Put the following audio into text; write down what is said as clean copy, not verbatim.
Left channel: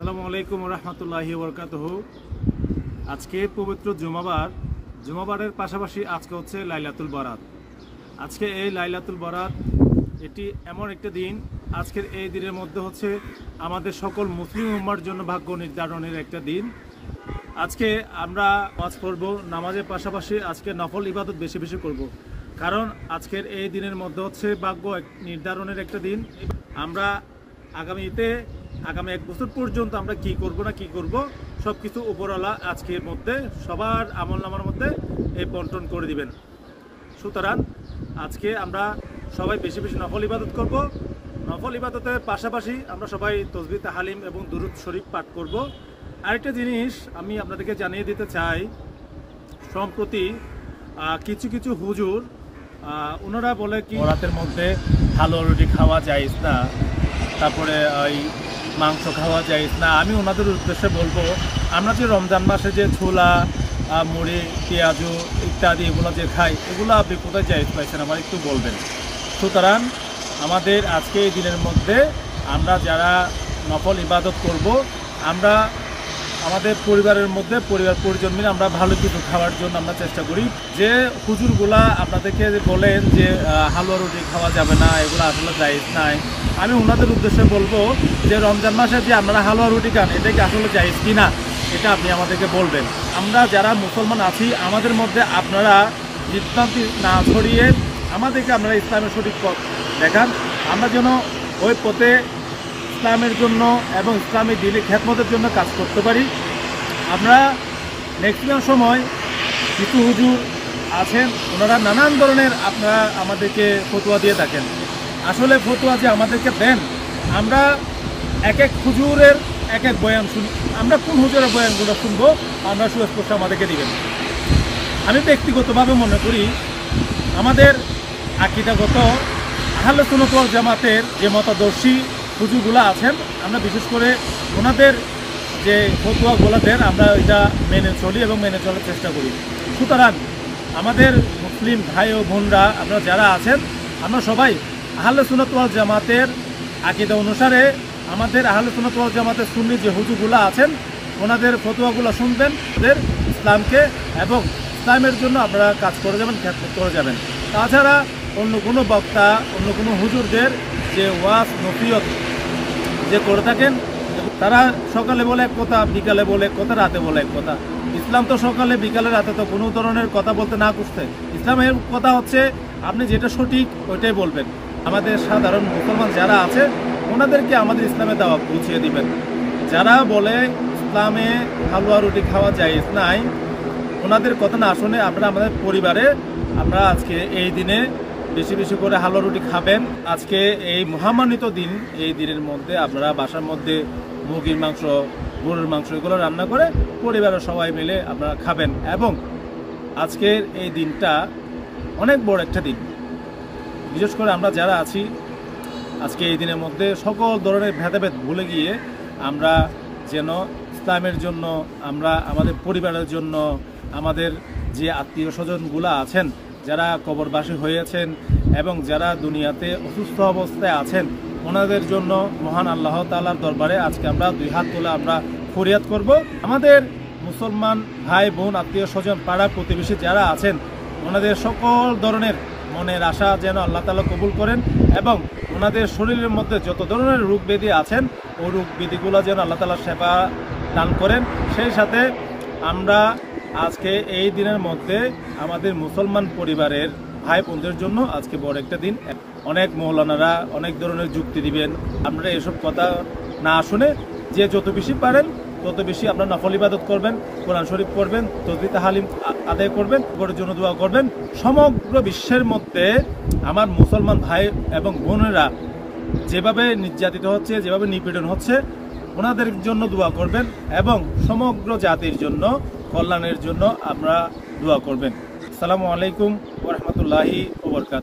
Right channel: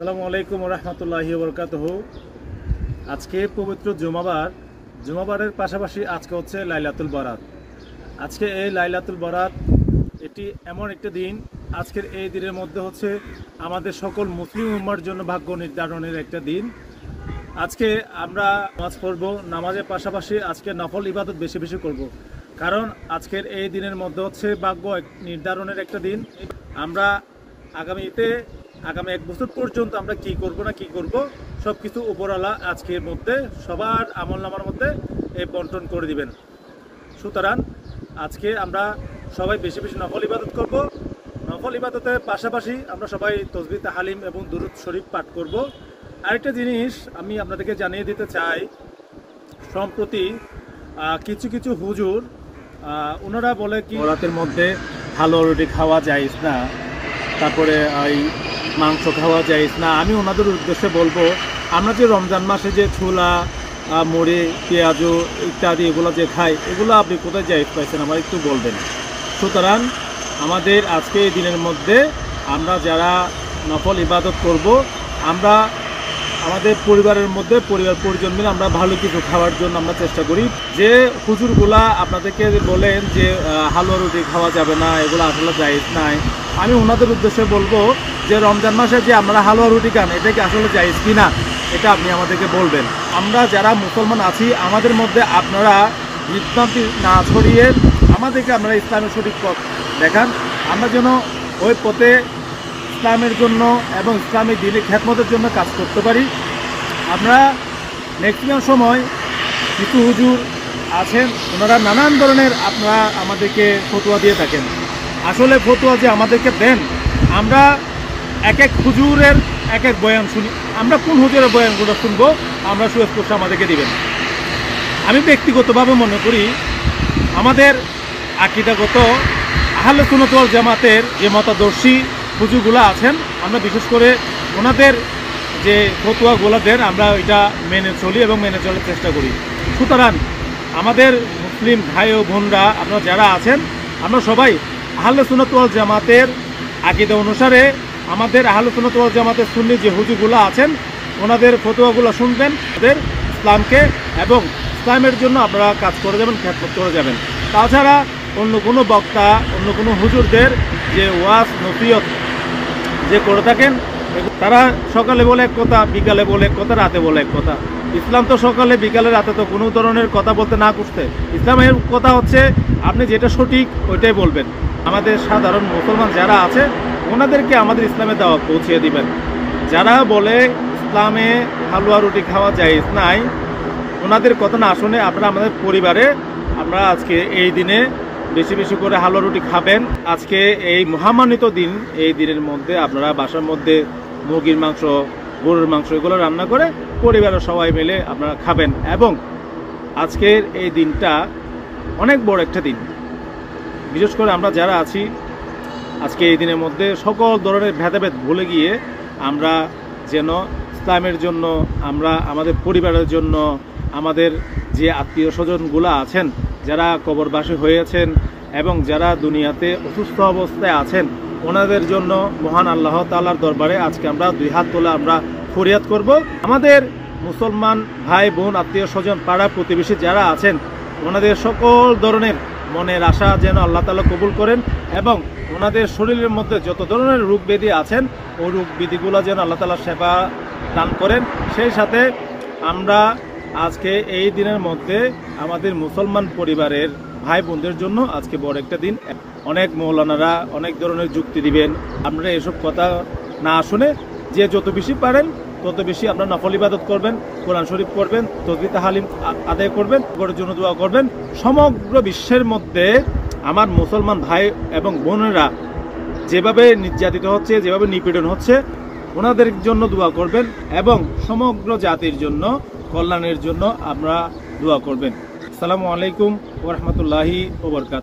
আসসালামু আলাইকুম রহমতুল্লাহি বরকাতুহু। আজকে পবিত্র জুমাবারের পাশাপাশি আজকে হচ্ছে লাইলাতুল বরাত। আজকে এই লাইলাতুল বরাত এটি এমন একটা দিন, আজকের এই দিনের মধ্যে হচ্ছে আমাদের সকল মুসলিম উম্মার জন্য ভাগ্য নির্ধারণের একটা দিন। আজকে আমরা নামাজ পড়ব, নামাজের পাশাপাশি আজকে নফল ইবাদত বেশি বেশি করব, কারণ আজকের এই দিনের মধ্যে হচ্ছে ভাগ্য নির্ধারণের একটা দিন। আমরা আগামী 1 বছর পর্যন্ত আমরা কি করব না কি করব সবকিছু উপরওয়ালা আজকের মধ্যে সবার আমলনামার মধ্যে এই বন্টন করে দিবেন। সুতরাং আজকে আমরা সবাই বেশি বেশি নফল ইবাদত করব। নফল ইবাদতের পাশাপাশি আমরা সবাই তাসবিহ তাহলিল এবং দুরূদ শরীফ পাঠ করব। আরেকটা জিনিস আমি আপনাদেরকে জানিয়ে দিতে চাই, সম্প্রতি কিছু কিছু হুজুর ওনারা বলে কি রাতের মধ্যে হালুয়া রুটি খাওয়া যায় না, তারপরে ওই মাংস খাওয়া যায় না। আমি ওনাদের উদ্দেশ্যে বলবো, আমরা যে রমজান মাসে যে ছোলা মুড়ি পেঁয়াজু ইত্যাদি এগুলো যে খাই, এগুলো আপনি কোথায় জায়েজ পাইছেন আমার একটু বলবেন। সুতরাং আমাদের আজকে এই দিনের মধ্যে আমরা যারা নফল ইবাদত করব, আমরা আমাদের পরিবারের মধ্যে পরিবার পরিজন মিলে আমরা ভালো কিছু খাওয়ার জন্য আমরা চেষ্টা করি। যে হুজুরগুলা আপনাদেরকে বলেন যে হালুয়া রুটি খাওয়া যাবে না, এগুলো আসলে জায়েজ নাই, আমি ওনাদের উদ্দেশ্যে বলবো যে রমজান মাসে যে আমরা হালুয়া রুটি খান, এটা কি আসলে জায়েজ কি না, এটা আপনি আমাদেরকে বলবেন। আমরা যারা মুসলমান আছি আমাদের মধ্যে আপনারা বিভ্রান্তি না ছড়িয়ে আমাদেরকে আপনারা ইসলামের সঠিক পথ দেখান, আমরা যেন ওই পথে ইসলামের জন্য এবং ইসলামের দিনের খেদমতের জন্য কাজ করতে পারি। আমরা ম্যাক্সিমাম সময় কিছু হুজুর আছেন, ওনারা নানান ধরনের আপনারা আমাদেরকে ফতোয়া দিয়ে থাকেন। আসলে ফতোয়া যে আমাদেরকে দেন, আমরা এক এক হুজুরের এক এক বয়ান শুনি, আমরা কোন হুজুরের বয়ানগুলো শুনবো আমরা সুস্পষ্ট আমাদেরকে দিবেন। আমি ব্যক্তিগতভাবে মনে করি আমাদের আকীদাগত আহলে সুন্নাত ওয়াল জামাতের যে মতাদর্শী হুজুরগুলো আছেন, আমরা বিশেষ করে ওনাদের যে ফতোয়াগুলো দেন আমরা ওইটা মেনে চলি এবং মেনে চলার চেষ্টা করি। সুতরাং আমাদের মুসলিম ভাই ও বোনরা আপনারা যারা আছেন, আমরা সবাই আহলে সুন্নাত ওয়াল জামাতের আকীদা অনুসারে আমাদের আহলে সুন্নাত ওয়াল জামাতের সুন্নি যে হুজুরগুলো আছেন ওনাদের ফতোয়াগুলো শুনবেন, ওদের ইসলামকে এবং ইসলামের জন্য আপনারা কাজ করে যাবেন, খেদমত করে যাবেন। তাছাড়া অন্য কোনো বক্তা অন্য কোনো হুজুরদের যে ওয়াজ নসিহত যে করে থাকেন, তারা সকালে বলে এক কথা, বিকালে বলে এক কথা, রাতে বলে এক কথা। ইসলাম তো সকালে বিকালে রাতে তো কোনো ধরনের কথা বলতে না করতে। ইসলামের কথা হচ্ছে আপনি যেটা সঠিক ওইটাই বলবেন। আমাদের সাধারণ মুসলমান যারা আছে ওনাদেরকে আমাদের ইসলামে দাওয়াত পৌঁছিয়ে দিবেন। যারা বলে ইসলামে হালুয়া রুটি খাওয়া জায়েজ নাই, ওনাদের কথা না শুনে আপনারা আমাদের পরিবারে আমরা আজকে এই দিনে বেশি বেশি করে হালুয়া রুটি খাবেন। আজকে এই মহামান্বিত দিন, এই দিনের মধ্যে আপনারা বাসার মধ্যে মুরগির মাংস গরুর মাংস এগুলো রান্না করে পরিবারের সবাই মিলে আপনারা খাবেন। এবং আজকের এই দিনটা অনেক বড় একটা দিন, বিশেষ করে আমরা যারা আছি আজকে এই দিনের মধ্যে সকল ধরনের ভেদাভেদ ভুলে গিয়ে আমরা যেন ইসলামের জন্য, আমরা আমাদের পরিবারের জন্য, আমাদের যে আত্মীয় স্বজনগুলো আছেন যারা কবরবাসী হয়েছেন এবং যারা দুনিয়াতে অসুস্থ অবস্থায় আছেন, ওনাদের জন্য মহান আল্লাহ তাআলার দরবারে আজকে আমরা দুই হাত তোলা আমরা ফরিয়াদ করব। আমাদের মুসলমান ভাই বোন আত্মীয় স্বজন পাড়া প্রতিবেশী যারা আছেন ওনাদের সকল ধরনের মনের আশা যেন আল্লাহ তাআলা কবুল করেন এবং ওনাদের শরীরের মধ্যে যত ধরনের রোগ ব্যাধি আছেন ওই রোগ ব্যাধিগুলো যেন আল্লাহ তাআলা সেবা দান করেন। সেই সাথে আমরা আজকে এই দিনের মধ্যে আমাদের মুসলমান পরিবারের ভাই বোনদের জন্য আজকে বড় একটা দিন। অনেক মৌলানারা অনেক ধরনের যুক্তি দিবেন, আমরা এসব কথা না শুনে যে যত বেশি পারেন তত বেশি আপনারা নফল ইবাদত করবেন, কোরআন শরীফ পড়বেন, তাসবিহ তাহলিল আদায় করবেন, ওর জন্য দোয়া করবেন। সমগ্র বিশ্বের মধ্যে আমার মুসলমান ভাই এবং বোনেরা যেভাবে নির্যাতিত হচ্ছে, যেভাবে নিপীড়ন হচ্ছে, ওনাদের জন্য দোয়া করবেন এবং সমগ্র জাতির জন্য কল্যাণের জন্য আমরা দোয়া করবেন। আসসালামু আলাইকুম ওয়া রাহমাতুল্লাহি ওয়া বারাকাতুহু।